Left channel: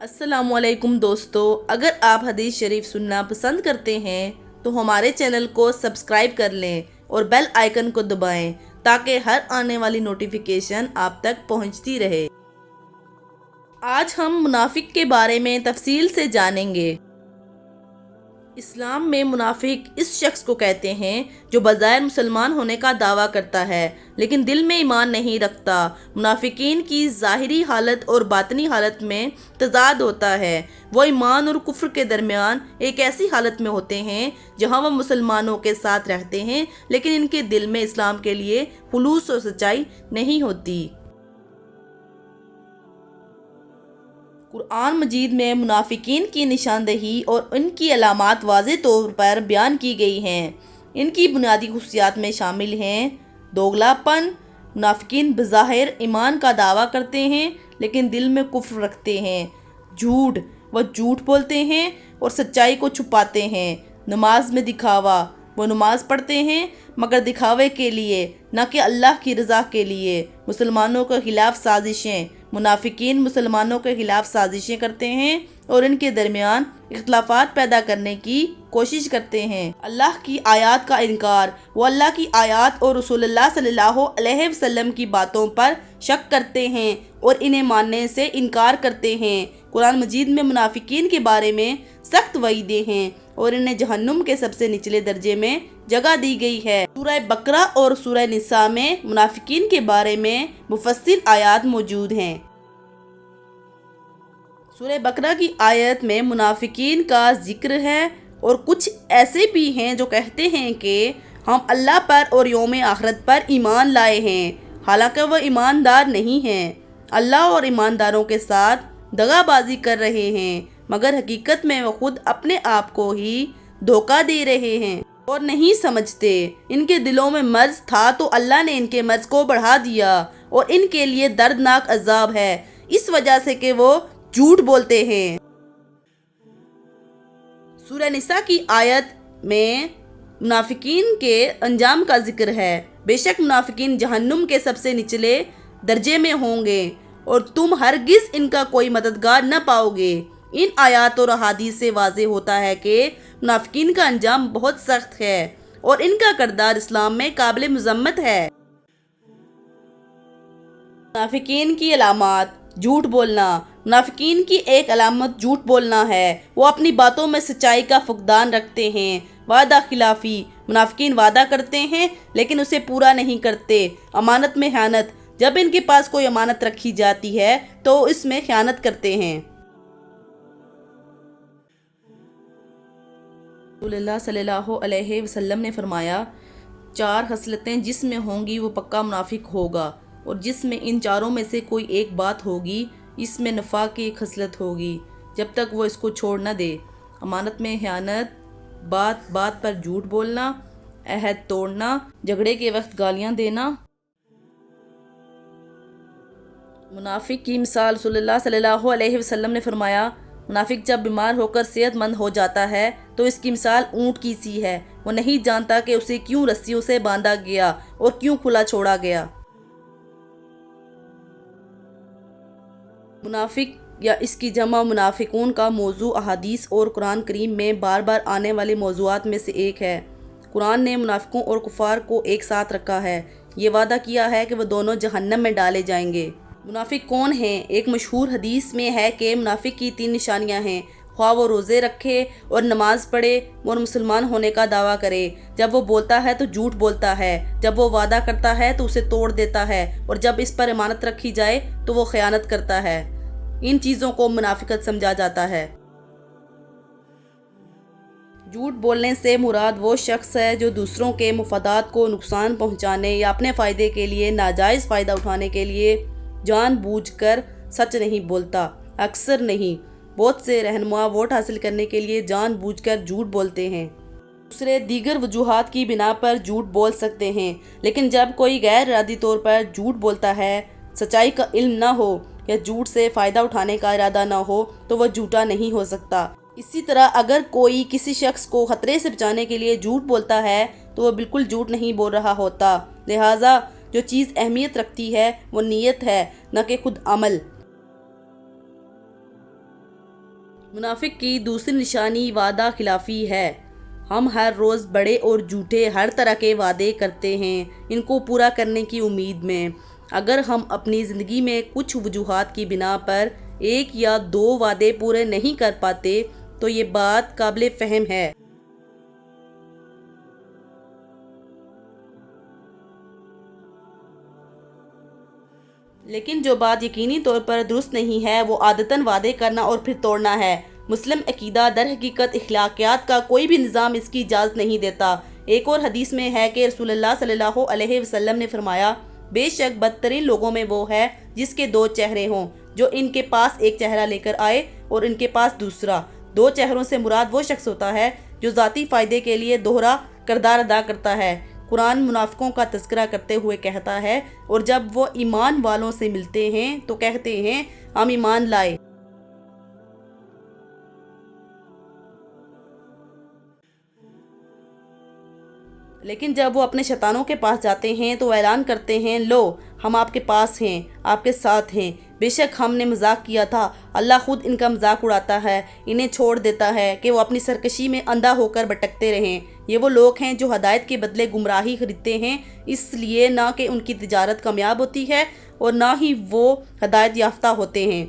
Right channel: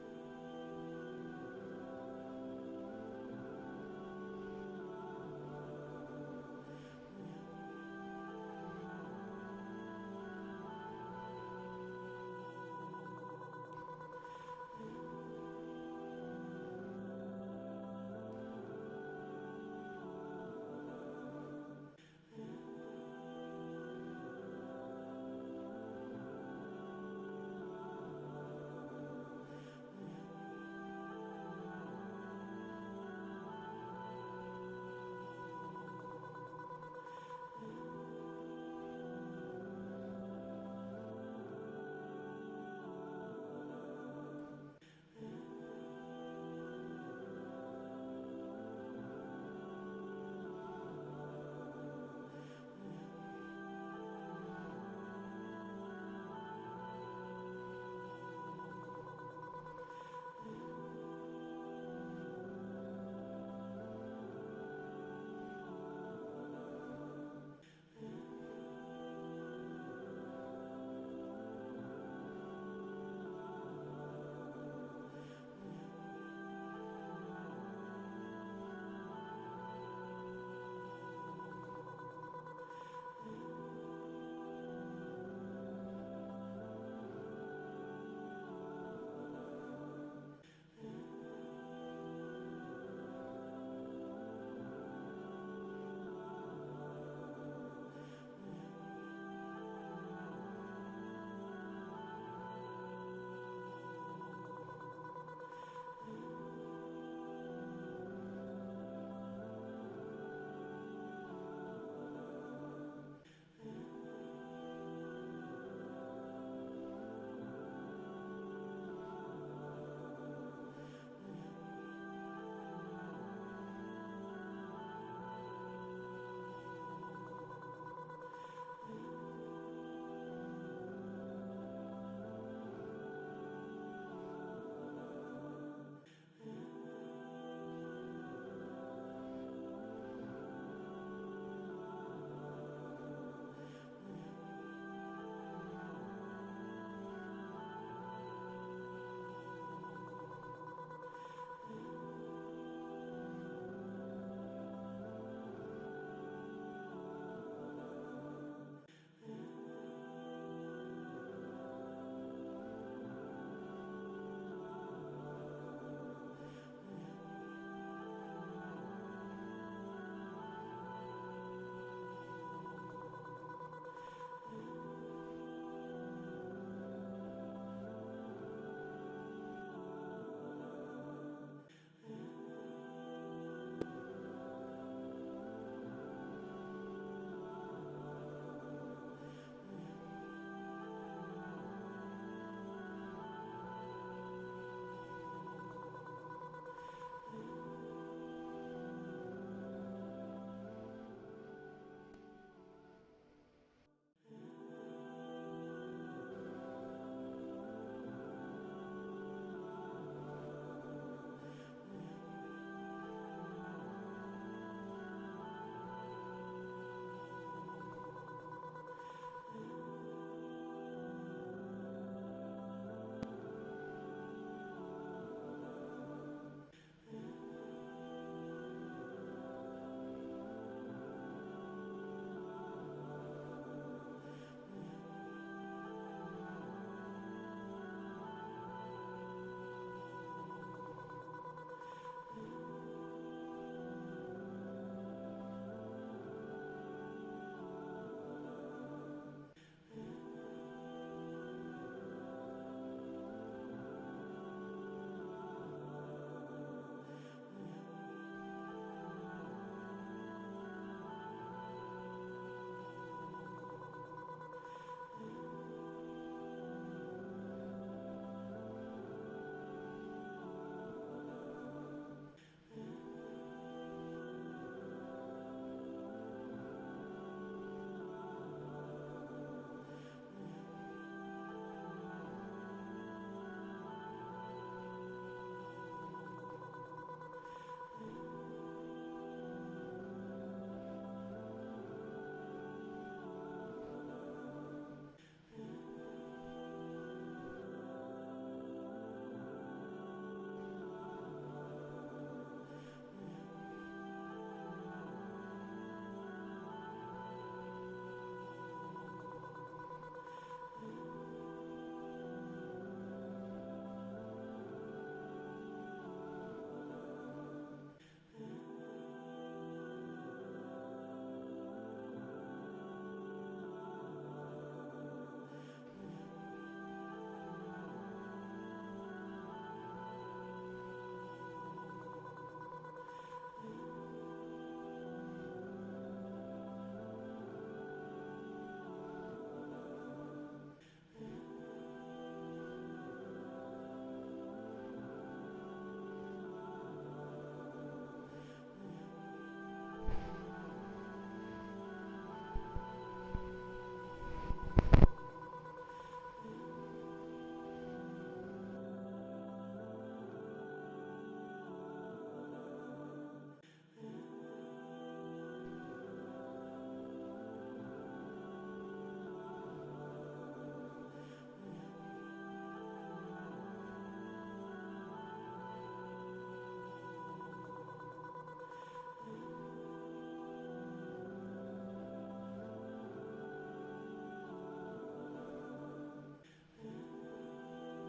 السلام علیکم دوستو، اگر آپ حدیث شریف سننا پسند کرتے ہیں تو ہمارے چینل کو سبسکرائب کر لیں اور بیل آئیکن کو دبائیں تاکہ ہر آنے والی نوٹیفیکیشن آپ تک پہنچتی رہے۔ آج ہم منافق کے بارے میں تفصیل سے جانیں گے۔ اسلام میں منافق اس شخص کو کہتے ہیں جو بظاہر مسلمان ہونے کا دعویٰ کرتا ہے لیکن دل میں ایمان نہیں رکھتا۔ منافقین کی ظاہری حالت اور باطنی حالت میں تضاد ہوتا ہے۔ وہ ایمان اور کفر کے درمیان ایک ایسی حالت میں ہوتے ہیں جہاں وہ مسلمانوں کے ساتھ رہتے ہیں لیکن ان کے دل میں اسلام کے لیے خلوص اور سچائی نہیں ہوتی۔ قرآن مجید میں منافقین کی نشاندہی اور ان کی علامات واضح طور پر بیان کی گئی ہیں۔ ان کی بنیادی خصوصیات میں شامل ہیں: دوگلا پن: منافقین بظاہر ایمان کا دعویٰ کرتے ہیں لیکن دل میں کفر رکھتے ہیں۔ جھوٹ: وہ جھوٹ بولتے ہیں اور سچائی کو چھپاتے ہیں۔ نماز میں دکھاوا: وہ نماز پڑھتے ہیں مگر دکھاوے کے لیے نہ کہ اللہ کی رضا کے لیے۔ مسلمانوں کے خلاف سازشیں: منافقین مسلمانوں کے خلاف سازشیں کرتے ہیں اور ان کے درمیان اختلافات پیدا کرنے کی کوشش کرتے ہیں۔ اللہ کی آیات کا انکار: وہ اللہ کی آیات اور رسول اللہ صلی اللہ علیہ وسلم کی باتوں پر شک کرتے ہیں اور انہیں ماننے سے انکار کرتے ہیں۔ قرآن مجید میں منافقین کے بارے میں سخت وعیدیں ہیں اور انہیں جہنم کے سب سے نچلے درجے میں جگہ دی گئی ہے۔ سورہ بقرہ اور سورہ نساء میں منافقین کے بارے میں مفصل آیات موجود ہیں۔ سورہ بقرہ کی آیت میں منافقین کا ذکر ہے اور کچھ ایسے بھی ہیں جو کہتے ہیں کہ ہم اللہ پر اور یوم آخرت پر ایمان لائے ہیں، حالانکہ وہ ایماندار نہیں ہیں۔ اللہ اور ایمانداروں کے ساتھ دغا بازی کر رہے ہیں مگر حقیقت میں وہ خود اپنے آپ کو ہی دھوکہ دے رہے ہیں اور نہیں سمجھتے۔ ان کے دلوں میں مرض تھا تو اللہ نے ان کے مرض کو بڑھا دیا اور ان کے لیے دردناک عذاب ہے اس وجہ سے کہ وہ جھوٹ بولتے ہیں۔ سورہ نساء کی آیت میں منافقین کے انجام کا ذکر ہے۔ بے شک منافقین جہنم کے سب سے نچلے درجے میں ہوں گے اور تم ہرگز ان کا کوئی مددگار نہ پاؤ گے۔ ان آیات اور احادیث سے واضح ہوتا ہے کہ منافقین کا انجام بہت سخت ہے اور ان کا کردار اسلام میں قابل مذمت ہے۔ منافقین کی علامات: جھوٹ بولنا: منافقین کی ایک علامت جھوٹ بولنا ہے۔ وہ اپنی باتوں میں سچائی کا فقدان رکھتے ہیں۔ وعدہ خلافی: منافقین وعدہ کرتے ہیں لیکن اسے پورا نہیں کرتے۔ امانت میں خیانت: جب ان کے پاس کوئی امانت رکھی جاتی ہے تو اس میں خیانت کرتے ہیں۔ رسول اللہ صلی اللہ علیہ وسلم نے فرمایا، 4 خصلتیں جس میں ہوں گی وہ پکا منافق ہوگا، اور جس میں ان چاروں میں سے کوئی ایک بات ہوگی اس میں نفاق کی ایک خصلت ہوگی جب تک وہ اس کو چھوڑ نہ دے۔ امانت میں خیانت: بات بات پر جھوٹ بولنا، عہد توڑنا، جھگڑے کے وقت گالیاں دینا۔ منافق کی مثال: رسول اللہ صلی اللہ علیہ وسلم نے فرمایا، منافق جب بیمار ہو کر صحت مند ہو جاتا ہے تو اس کی مثال اونٹ کی سی ہے، وہ نہیں جانتا کہ اسے کیوں رسیوں سے باندھا گیا اور کیوں کھلا چھوڑا گیا۔ منافق یا اس کی جمع منافقون کا موضوع احادیث اور قرآن کریم میں بار بار آنے والے موضوعات میں سے ایک ہے۔ قرآن نے منافقوں اور کفار کو ایک ساتھ رکھا ہے، یہ وعدہ کیا ہے کہ وہ دونوں جہنم میں ڈالے جائیں گے۔ منافق کون ہیں؟ ایک مشہور حدیث میں ہے کہ منافق کی 3 نشانیاں ہیں: خواہ وہ روزے رکھے اور نماز پڑھے اور مسلمان ہونے کا دعویٰ کرے، جب وہ بولتا ہے تو جھوٹ بولتا ہے، جب وہ وعدہ کرتا ہے تو اسے توڑ دیتا ہے، اور جب اس پر امانت رکھی جائے تو وہ خیانت کرتا ہے۔ ان چیزوں کو منافقت سمجھا جاتا ہے۔ جھوٹ بولنے سے مراد وہ شخص ہے جو دوسروں کے مفادات کو نقصان پہنچانے یا اپنے فائدے کے لیے ناجائز فائدہ اٹھانے کے لیے جان بوجھ کر سچ نہیں بولتا۔ اکثر نہیں، بہت سے رہنما ووٹ حاصل کرنے کے لیے جان بوجھ کر جھوٹ بولتے ہیں۔ دوسرے دیگر وجوہات کی بنا پر جھوٹ بول سکتے ہیں، لیکن جب کوئی غیر ارادی طور پر جھوٹ بولتا ہے، سچائی کا علم نہ ہو یا جھوٹ سے فائدہ اٹھانے کا ارادہ نہ ہو تو وہ جھوٹا نہیں ہو سکتا۔ اسی طرح اگر کوئی کسی شخص کو خطرے سے بچانے کے لیے جھوٹ بولتا ہے تو وہ بالکل جھوٹ نہیں بول رہا ہوتا۔ لہٰذا جو چیز اہمیت رکھتی ہے وہ نیت ہے، نہ کہ خود عمل۔ منافق کی دوسری نشانی وعدہ خلافی ہے۔ ہم ہر روز بڑے اور جھوٹے ہر طرح کے وعدے کرتے ہیں ان کو پورا کرنے کی امید میں۔ اگر ہم اپنی زندگی میں کچھ وجوہات کی بنا پر ایک یا دو وعدے پورے نہیں کر پاتے تو یہ بات قابل فہم ہے۔ لیکن جو بات یقینی طور پر درست نہیں ہے وہ عادتاً وعدے کرنا اور پھر توڑنا ہے۔ مسلم عقیدہ در حقیقت اخلاقیات کا کوئی بھی نظام اس کی اجازت نہیں دیتا۔ ایک اور حدیث میں ہے کہ رسول اللہ صلی اللہ علیہ وسلم نے فرمایا، بے شک بدترین لوگوں میں وہ ہے جس کے دو چہرے ہوں، جو ان کے پاس ایک چہرہ لے کر آئے اور ان کے پاس دوسرا۔ دو چہروں سے مراد وہ شخص ہوتا ہے جو ذاتی فائدے کے لیے دوہرا کردار ادا کرتا ہے۔ قرآن منافقوں کا تذکرہ کرتے ہوئے کہتا ہے، اور جب وہ ایمان والوں سے ملتے ہیں تو کہتے ہیں ہم ایمان لائے۔ لیکن جب وہ اپنے شیطانوں کے پاس جاتے ہیں تو اعلان کرتے ہیں، لو ہم آپ کے پاس ہیں، آپ کے ساتھ ہیں، بے شک ہم نے مذاق کیا تھا، اللہ خود ان کا مذاق اڑاتا ہے، انہیں چھوڑ دیتا ہے کہ وہ اپنی سرکشی میں اندھا ہو کر بھٹکتے رہیں۔ یہ وہ لوگ ہیں جو ہدایت کے بدلے گمراہی خریدتے ہیں، اس لیے نہ کہ ان کی تجارت کامیاب ہوتی ہے اور نہ ہی وہ ہدایت یافتہ ہوتے ہیں۔